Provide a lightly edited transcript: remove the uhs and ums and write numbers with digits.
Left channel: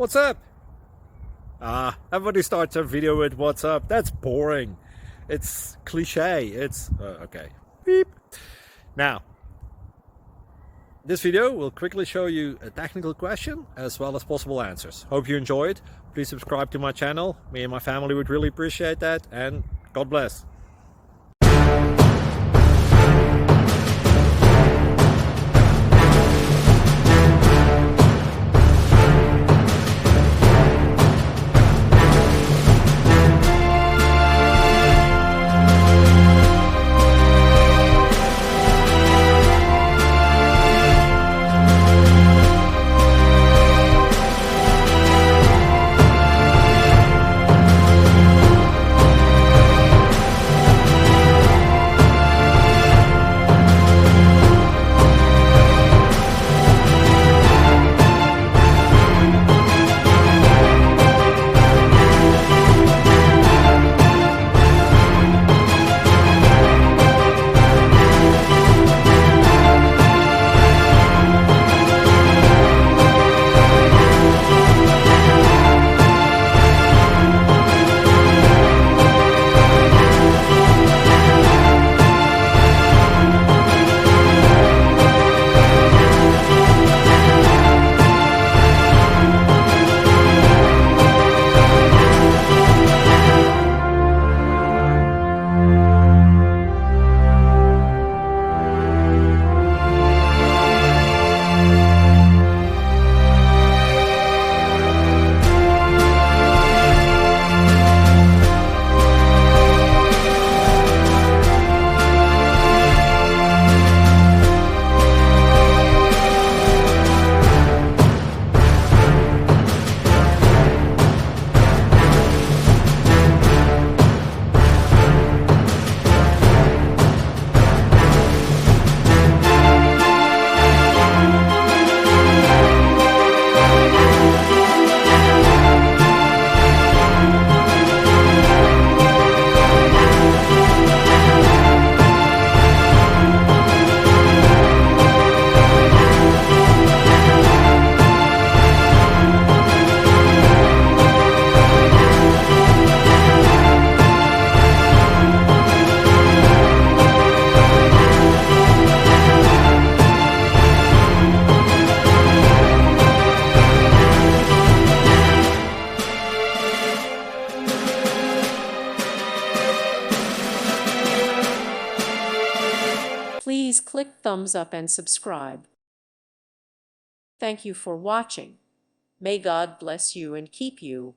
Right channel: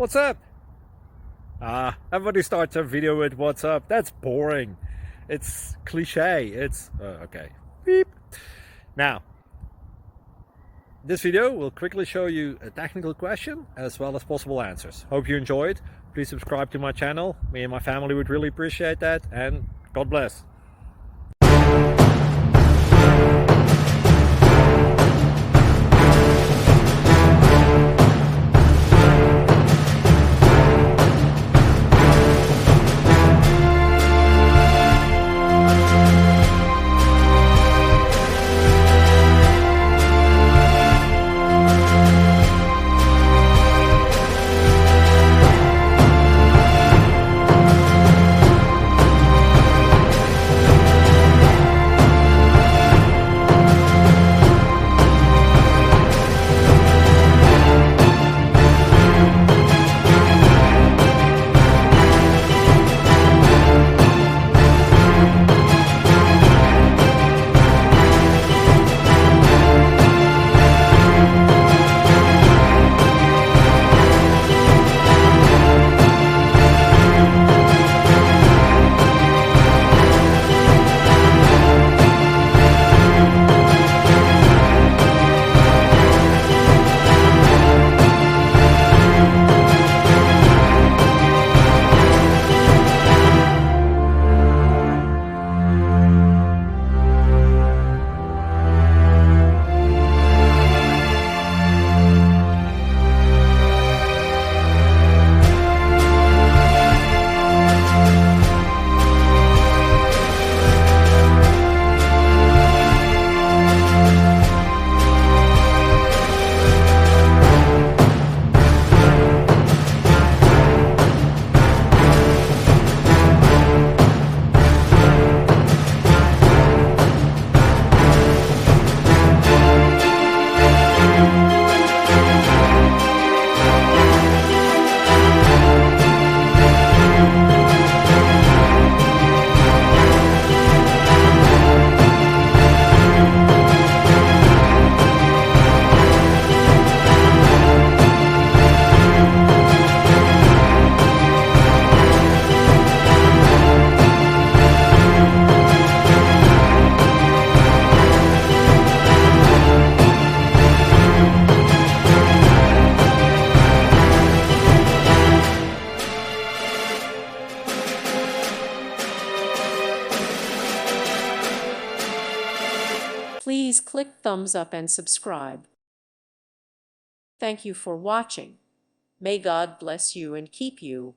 What's up? Everybody starts a video with what's up. That's boring. It's cliche. It's okay. Beep. Now, this video will quickly show you a technical question as well as possible answers. Hope you enjoyed. Please subscribe to my channel. Me and my family would really appreciate that, and God bless. Please click thumbs up and subscribe. Thank you for watching. May God bless you and keep you.